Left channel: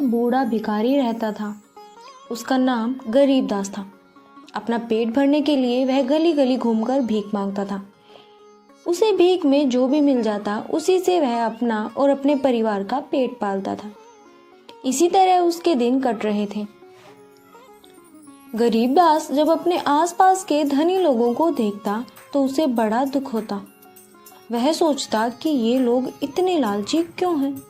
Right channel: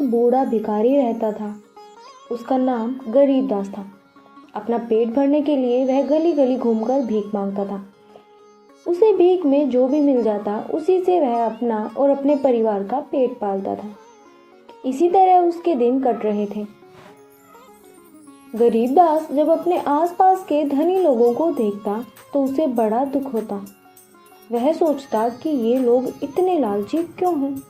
एक बूढ़ा भिखारी रहता था। उसका नाम गरीबदास था। अपना पेट भरने के लिए वह गली गली घूमकर भीख मांगता था। उसे भीख में जो भी मिल जाता उसी से वह अपना और अपने परिवार का पेट पालता था। इसी तरह उसके दिन कट रहे थे। गरीबदास जब अपने आसपास के धनी लोगों को देखता तो उसे बड़ा दुख होता। वह सोचता कि ये लोग इतने लालची क्यों हैं?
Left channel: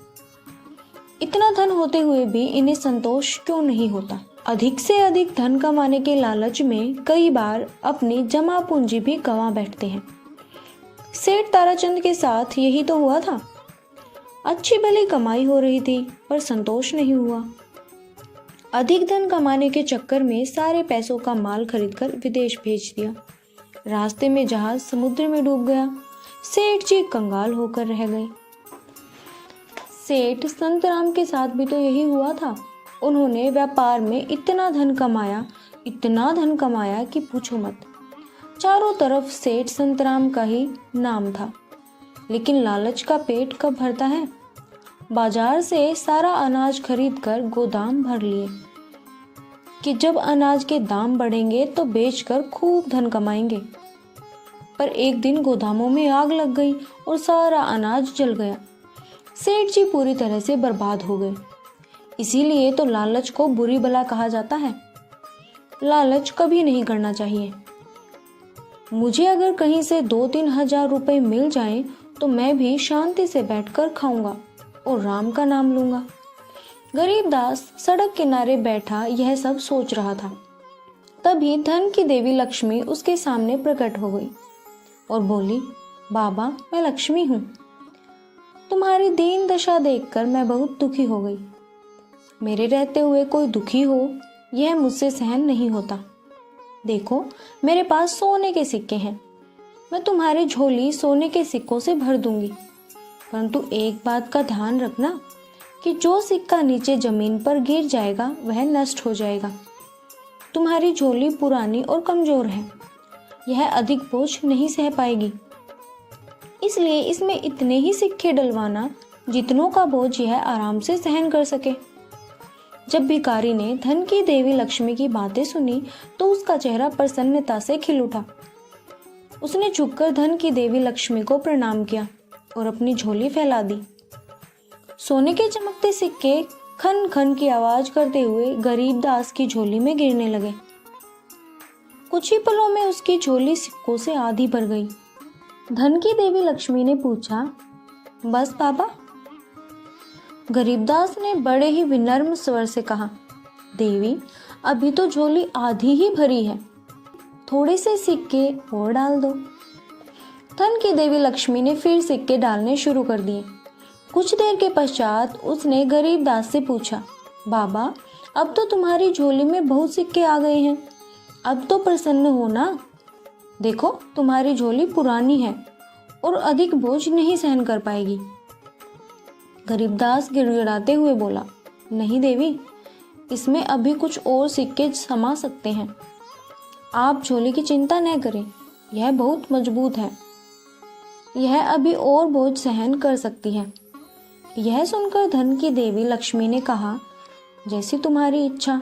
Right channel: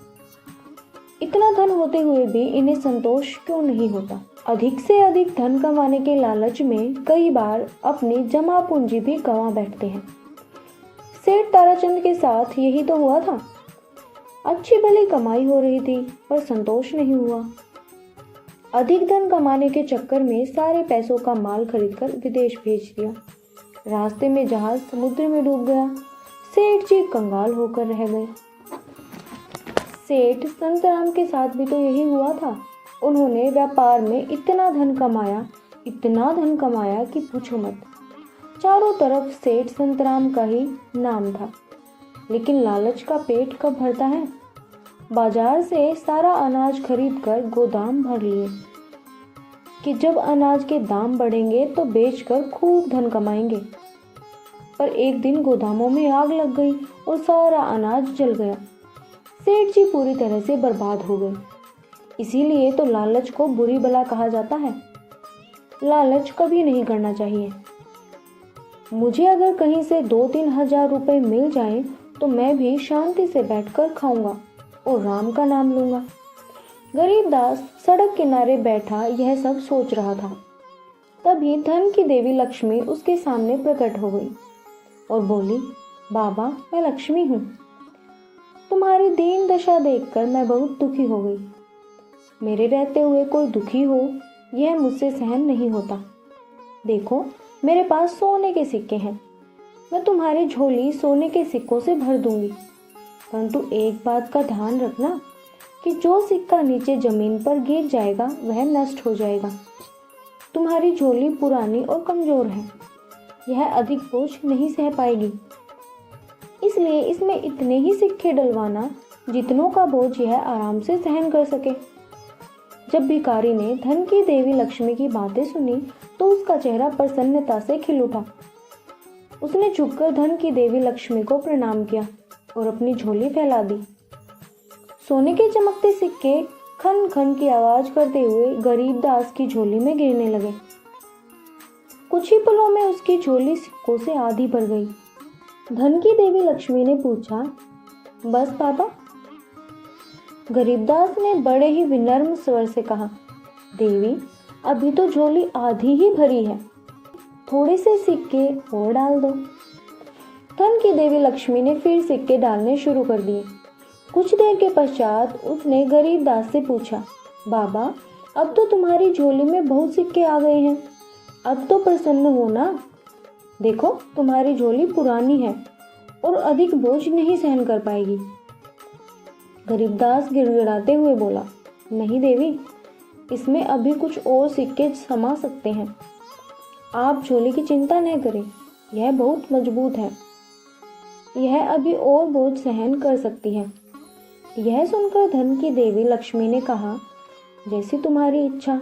इतना धन होते हुए भी इन्हें संतोष क्यों नहीं होता? अधिक से अधिक धन कमाने के लालच में कई बार अपनी जमा पूंजी भी गंवा बैठते हैं। सेठ ताराचंद के साथ यही तो हुआ था। अच्छी भली कमाई हो रही थी पर संतोष नहीं हुआ। अधिक धन कमाने के चक्कर में सारे पैसों का माल खरीदकर विदेश भेज दिया। रास्ते में जहाज समुद्र में डूब गया। सेठ जी कंगाल होकर रह गए। सेठ संतराम के साथ भी तो यही हुआ था। उन्होंने व्यापार में इतना धन कमाया कि पूछो मत। चारों तरफ सेठ संतराम का ही नाम था। लेकिन लालच का पेट कब भरता है? बाजार से सारा अनाज खरीदकर गोदाम भर लिए कि जब अनाज के दाम बढ़ेंगे तो बेचकर खूब धन कमाएंगे। पर एक दिन गोदामों में आग लग गई और सारा अनाज जल गया। सेठ जी पूरी तरह से बर्बाद हो गए। इसीलिए तो लालच को बुरी बला कहा जाता है। लालच कभी नहीं करना चाहिए। मुझे अगर कहीं से 2-3 हजार रुपए मिल जाएं तो मैं भी शांति से बैठकर खाऊंगा और राम का नाम लूंगा। गरीबदास सड़क किनारे बैठा यह सब सोच रहा था। तभी धन की देवी लक्ष्मी उसके सामने प्रकट हो गई और बोली, बाबा मैं लक्ष्मी हूँ। तुम्हारी दीन दशा देखकर मैं बहुत दुखी हो गई। मेरे रहते हुए कोई दुखी हो यह मुझसे सहन नहीं होता। देखो मेरे पास सोने के सिक्के हैं। मैं तुम्हारी झोली सोने के सिक्कों से भर दूंगी। परंतु एक बात का ध्यान रखना कि जो सिक्का नीचे जमीन पर गिर जाएगा वह नष्ट हो जाएगा। तुम्हारी झोली पुरानी और कमजोर है। यह अधिक बोझ नहीं सह पाएगी। इसलिए इसमें इतने ही सिक्के डलवाना जितनों का बोझ यह आराम से सहन कर सके। जब भिखारी ने धन की देवी लक्ष्मी की बातें सुनी तो उसका चेहरा प्रसन्नता से खिल उठा। उसने झुककर धन की देवी लक्ष्मी को प्रणाम किया और अपनी झोली फैला दी। सोने के चमकते सिक्के खन खन की आवाज करते हुए गरीबदास की झोली में गिरने लगे। कुछ ही पलों में उसकी झोली सिक्कों से आधी भर गई। धन की देवी लक्ष्मी ने पूछा, बस बाबा? गरीबदास ने बड़े ही विनम्र स्वर से कहा, देवी अभी तो झोली आधी ही भरी है। थोड़े से सिक्के और डाल दो। धन की देवी लक्ष्मी ने फिर सिक्के डालने शुरू कर दिए। कुछ देर के पश्चात उसने गरीबदास से पूछा, बाबा अब तो तुम्हारी झोली में बहुत सिक्के आ गए हैं। अब तो प्रसन्न हो ना। देखो तुम्हारी झोली पुरानी है और अधिक बोझ नहीं सहन कर पाएगी। गरीबदास गिड़गिड़ाते हुए बोला, नहीं देवी, इसमें अभी कुछ और सिक्के समा सकते हैं। आप झोली की चिंता न करें, यह बहुत मजबूत है। यह अभी और बोझ सहन कर सकती है। यह सुनकर धन की देवी लक्ष्मी ने कहा, जैसी तुम्हारी इच्छा।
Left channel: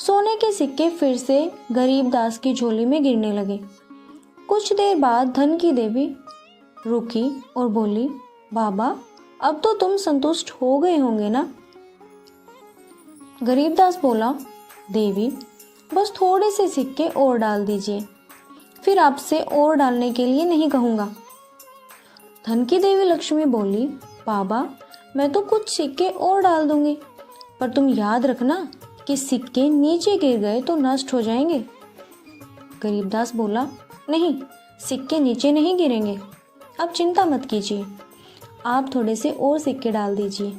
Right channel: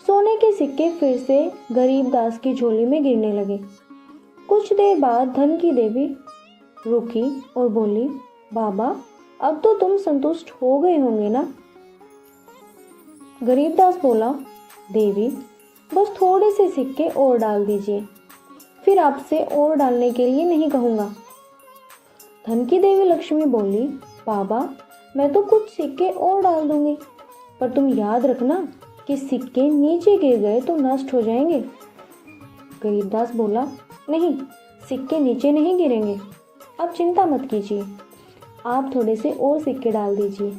सोने के सिक्के फिर से गरीबदास की झोली में गिरने लगे। कुछ देर बाद धन की देवी रुकी और बोली, बाबा अब तो तुम संतुष्ट हो गए होंगे ना? गरीबदास बोला, देवी बस थोड़े से सिक्के और डाल दीजिए, फिर आपसे और डालने के लिए नहीं कहूँगा। धन की देवी लक्ष्मी बोली, बाबा मैं तो कुछ सिक्के और डाल दूंगी, पर तुम याद रखना कि सिक्के नीचे गिर गए तो नष्ट हो जाएंगे। गरीबदास बोला, नहीं, सिक्के नीचे नहीं गिरेंगे, आप चिंता मत कीजिए। आप थोड़े से और सिक्के डाल दीजिए।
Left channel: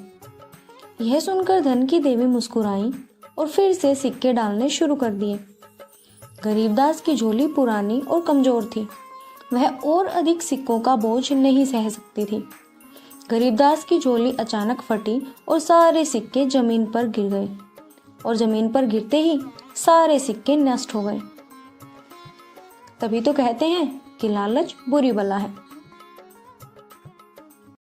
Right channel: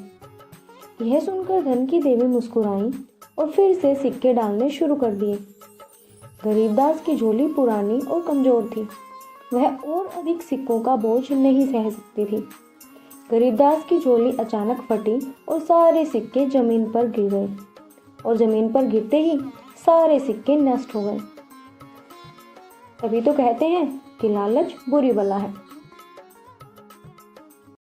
यह सुनकर धन की देवी मुस्कुराई और फिर से सिक्के डालने शुरू कर दिए। गरीबदास की झोली पुरानी और कमजोर थी। वह और अधिक सिक्कों का बोझ नहीं सह सकती थी। गरीबदास की झोली अचानक फटी और सारे सिक्के जमीन पर गिर गए और जमीन पर गिरते ही सारे सिक्के नष्ट हो गए। तभी तो कहते हैं कि लालच बुरी बला है।